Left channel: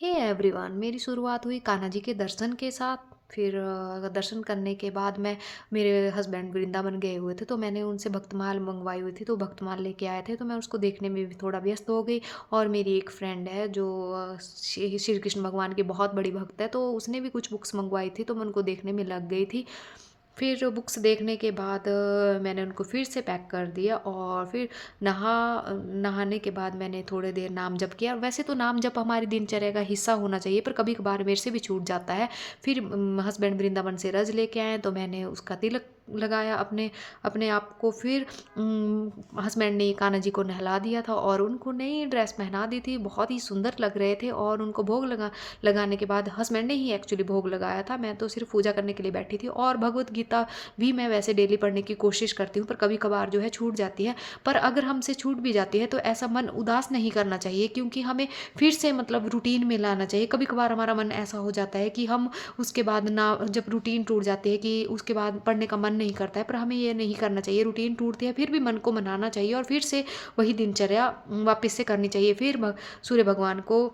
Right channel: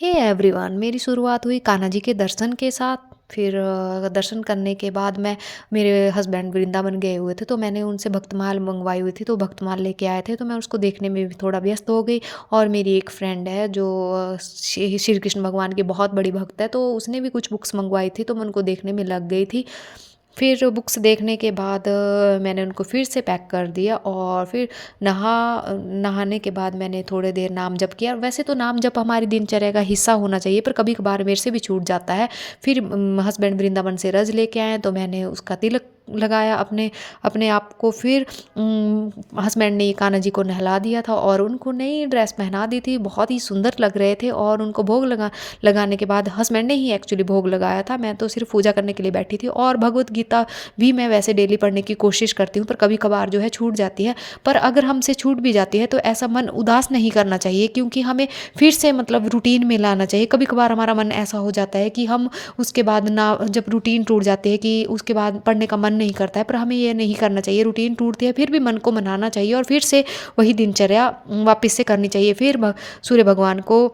Hey everyone, मेरी शुरुआत हुई कान्हा जी के दर्शन के साथ। फिर दर्शन करने के बाद मैं मेरे हस्बैंड वृंदावन गए हुए थे, तो मैंने उनसे भक्तमाल मंगवाई हुई थी, तो भक्तमाल लेके आए थे, तो मैं उसको देखने में भी थोड़ा व्यस्त हो गई। और मेरी एक फ्रेंड है जो श्री श्री कृष्ण भगवान की बहुत बड़ी भक्त है, तो उसने भी कुछ बुक्स मंगवाई थी, तो मैं उनको देखने में लग गई थी। फिर बुक्स देखने के बाद मैंने उनको फिर से पैक कर दिया और फिर नहाने के बाद मैंने थोड़ी देर नाम जप किया। वैसे तो नाम जप हमारी दिनचर्या का हिस्सा होना चाहिए, पर कभी कभार मेरे से भी छूट जाता है। फिर हस्बैंड वृंदावन से रज लेके आए, तो मैंने उसका तिलक लगाया अपने अपने आप को। फिर हस्बैंड ने कान्हा जी को नहला दिया था और उनको नई ड्रेस पहना दी थी, बहुत ही सुंदर लग रहे थे। और उनको भोग लगाने के बाद हस्बैंड ने ही एक्चुअली भोग लगाया था, मैं तो सिर्फ पूजा करने के लिए बैठी थी। और भगवत गीता भी मैं वैसे डेली पढ़ने की कोशिश करती हूँ, पर कभी कभार जो है छूट जाती है। पर अगर हमसे छूट भी जाती है तो ऐसा मन उदास नहीं करना चाहिए, क्योंकि हमें फिर से मतलब रूटीन में लाना चाहिए। कभी कभार हमारा मन ऐसा हो जाता है कि हम उसके बाद ना, जब रूटीन टूट जाती है कि उसके बाद पढ़ने का मन नहीं करता है, पर हमें ये नहीं करना चाहिए। रूटीन टूटती है फिर भी मन को मनाना चाहिए और फिर से वही दिनचर्या वापस से करनी चाहिए। फिर सूर्य भगवान को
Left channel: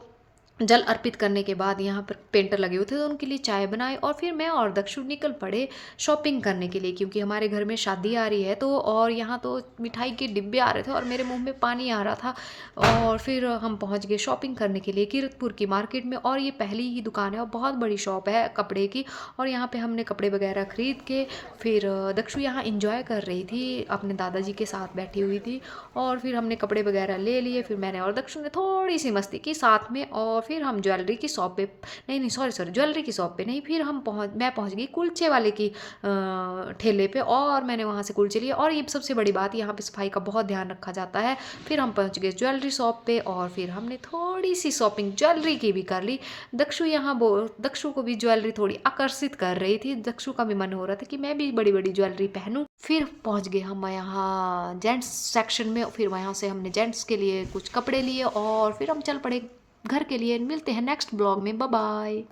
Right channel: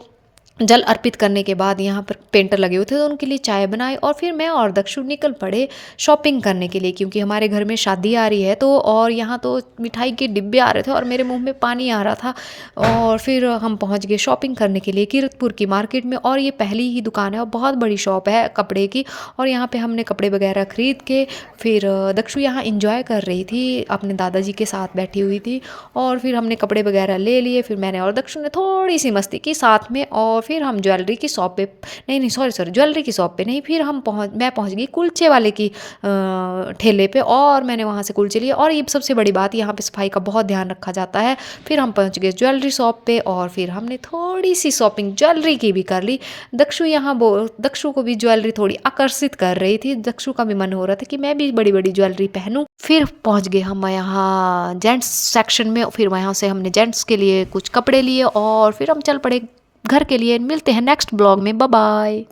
जल अर्पित करने के बाद यहाँ पर पेंटर लगे हुए थे, तो उनके लिए चाय बनाई। और फिर मैं और दक्षु निकल पड़े शॉपिंग करने के लिए, क्योंकि हमारे घर में शादी आ रही है। तो और यहाँ तो मिठाई के डिब्बे आ रहे थे और मेरे मुंह में पानी आ रहा था। और फिर हम पहुँच गए शॉपिंग करने के लिए कीरतपुर की मार्केट में। और ये पहली ही दुकान है और बहुत बड़ी शॉप है कपड़े की। और यहाँ पे हमने कपड़े वगैरह खरीद के फिर दक्षु यहाँ इंजॉय कर रही थी, अपने दादाजी के साथ बैठी हुई थी। और फिर हमने कपड़े वगैरह ले लिए। फिर मैंने और दक्षु ने थोड़ी सी मस्ती की साथ में। और फिर हम ज्वेलरी की शॉप पे, नहीं नहीं सॉरी सॉरी, ज्वेलरी की शॉप पे नहीं, फिर मैं पहुंच गई कुलचे वाले की ठेले पे। और मैंने वहाँ से कुलचे लिए। और ये सबसे बड़ी बात, यहाँ पे सफाई का बहुत ध्यान रखा जाता है। फिर हम पहुँच गए ज्वेलरी शॉप पे और फिर हमने थोड़ी सी शॉपिंग ज्वेलरी की भी कर ली। दक्षु को भी ज्वेलरी थोड़ी आकर्षित कर रही थी। दक्षु का भी मन हो रहा था कि मैं भी बड़ी बड़ी ज्वेलरी पहनूं। फिर पहुंच गए हम यहाँ जेंट्स सेक्शन में। फिर वहाँ से हमने जेंट्स के लिए कुछ कपड़े लिए और फिर हम चल पड़े घर के लिए। मिलते हैं नेक्स्ट ब्लॉग में, बाय बाय।